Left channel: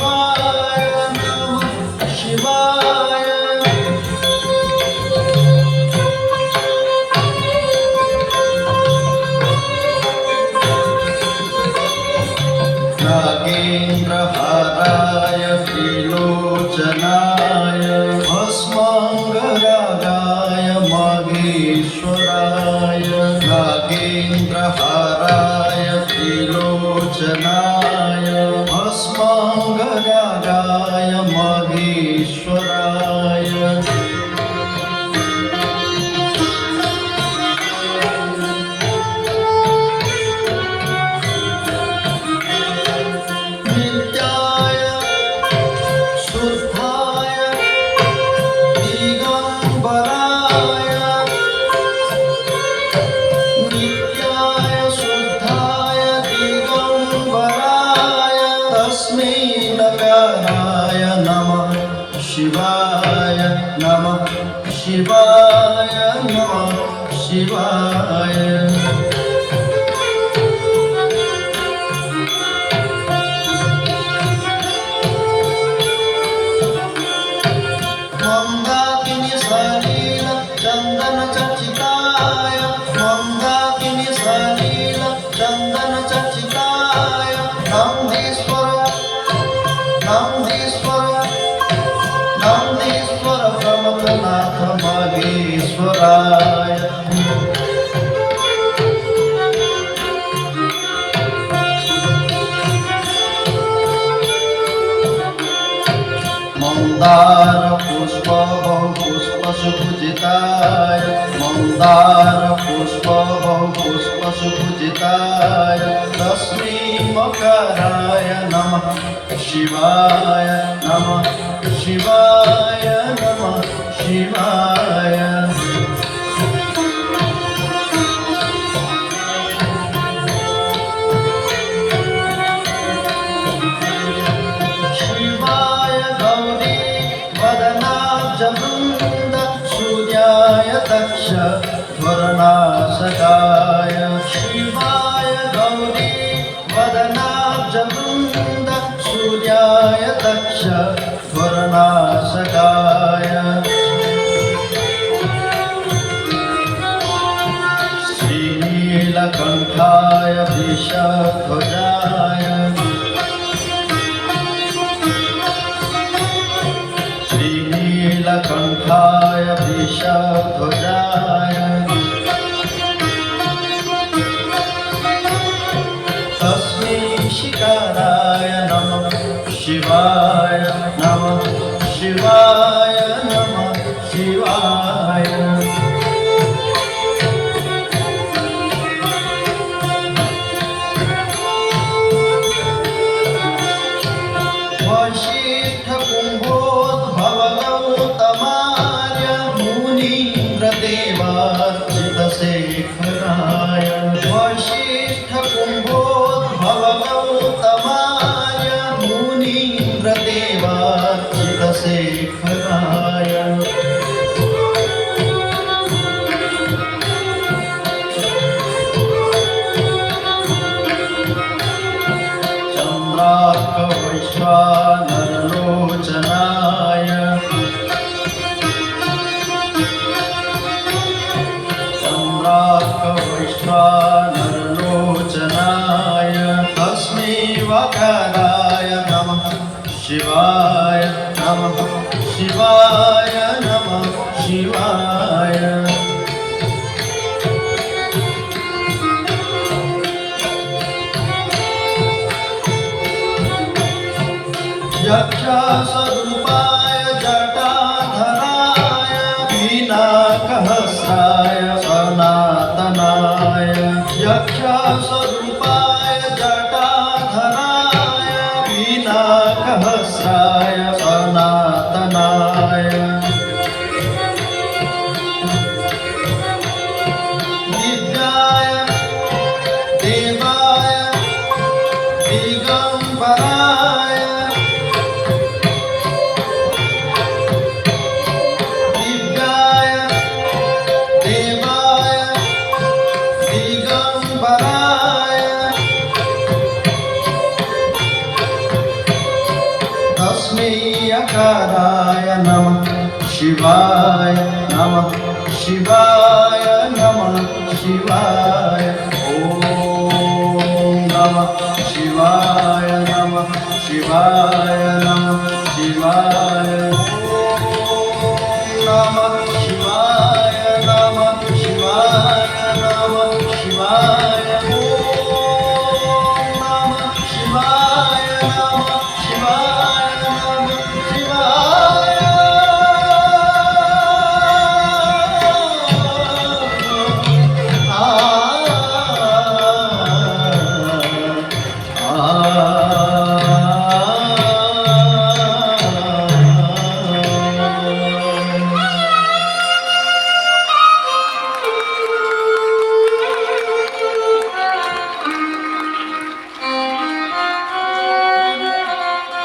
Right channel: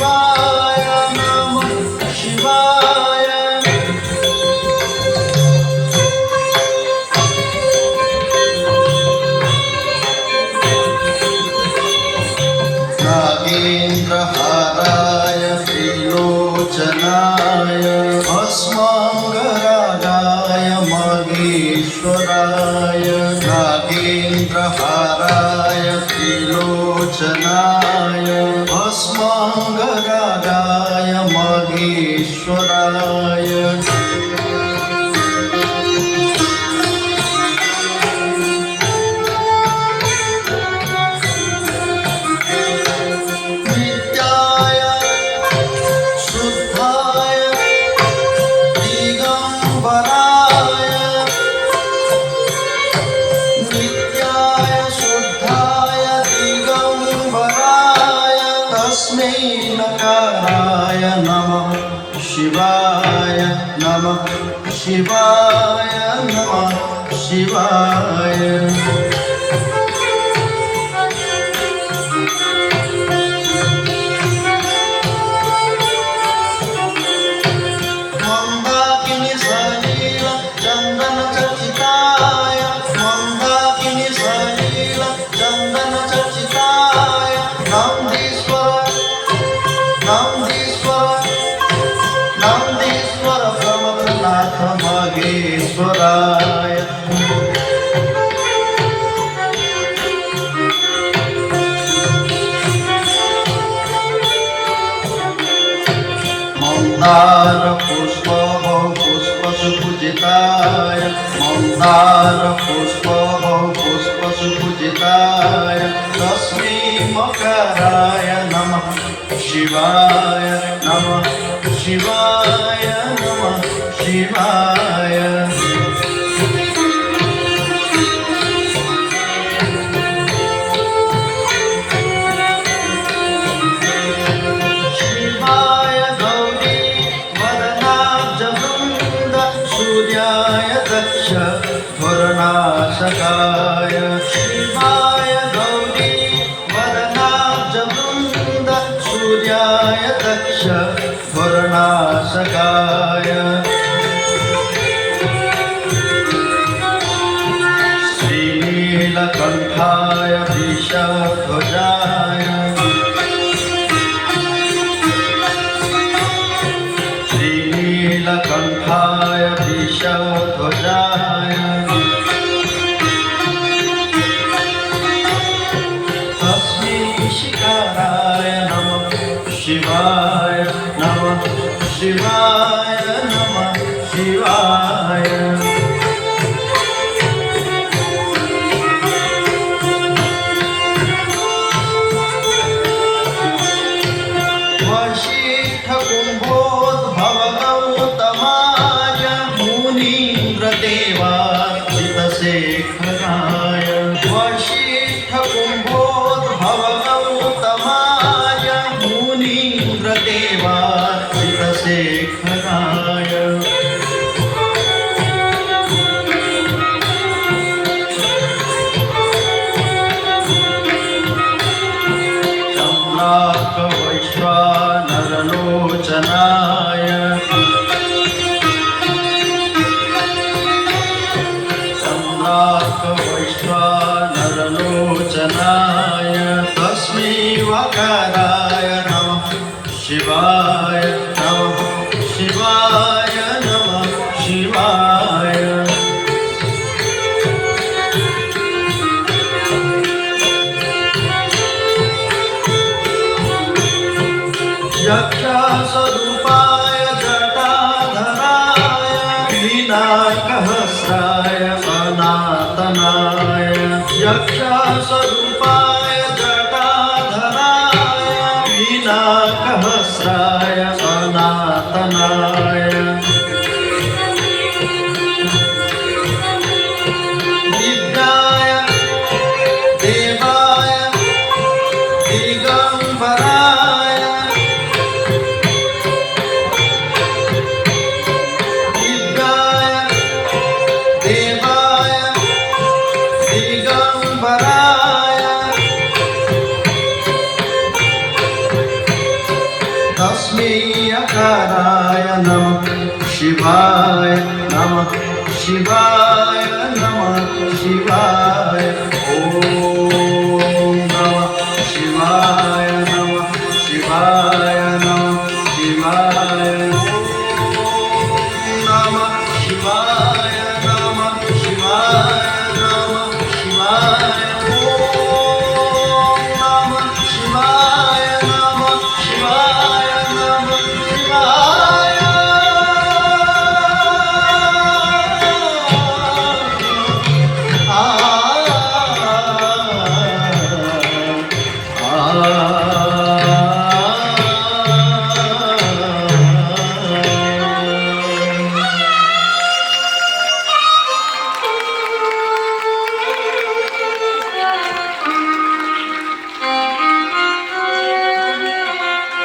शिवाय नमः शिवाय नागेन्द्रहाराय त्रिलोचनाय भस्माङ्गरागाय महेश्वराय नागेन्द्रहाराय त्रिलोचनाय भस्माङ्गरागाय महेश्वराय नित्याय शुद्धाय दिगंबराय नित्याय शुद्धाय दिगंबराय तस्मै नकाराय नमः शिवाय नमः शिवाय नमः शिवाय मंदाकिनी सलील चंदन चर्चिताय मंदाकिनी सलील चंदन चर्चिताय नंदीश्वर नंदीश्वर नंदीश्वर प्रमथनाथ महेश्वराय मंदार पुष्प सुपूजिताय मंदार पुष्प सुपूजिताय तस्मै मकराय नमः शिवाय नमः शिवाय नमः शिवाय शिवाय गौरी वदनाब्जवृन्द सूर्याय दक्ष वरनाशकाय शिवाय गौरी वदनाब्जवृन्द सूर्याय दक्ष वरनाशकाय श्रीनीलकण्ठाय विषध्वजाय श्रीनीलकण्ठाय विषध्वजाय तस्मै शिकाराय नमः शिवाय नमः शिवाय नमः शिवाय वशिष्ठकुम्भोद्भवगौतमाय मुनीन्द्रदेवार्चितशेखराय वशिष्ठकुम्भोद्भवगौतमाय मुनीन्द्रदेवार्चितशेखराय चन्द्रार्कवैश्वानरलोचनाय चन्द्रार्कवैश्वानरलोचनाय तस्मै वकाराय नमः शिवाय नमः शिवाय नमः शिवाय यक्षस्वरूपाय जटाधराय वीणाकहस्राय सनातनाय यक्षस्वरूपाय जटाधराय वीणाकहस्राय सनातनाय दिव्याय देवाय दिगंबराय दिव्याय देवाय दिगंबराय तस्मै यकाराय नमः शिवाय नमः शिवाय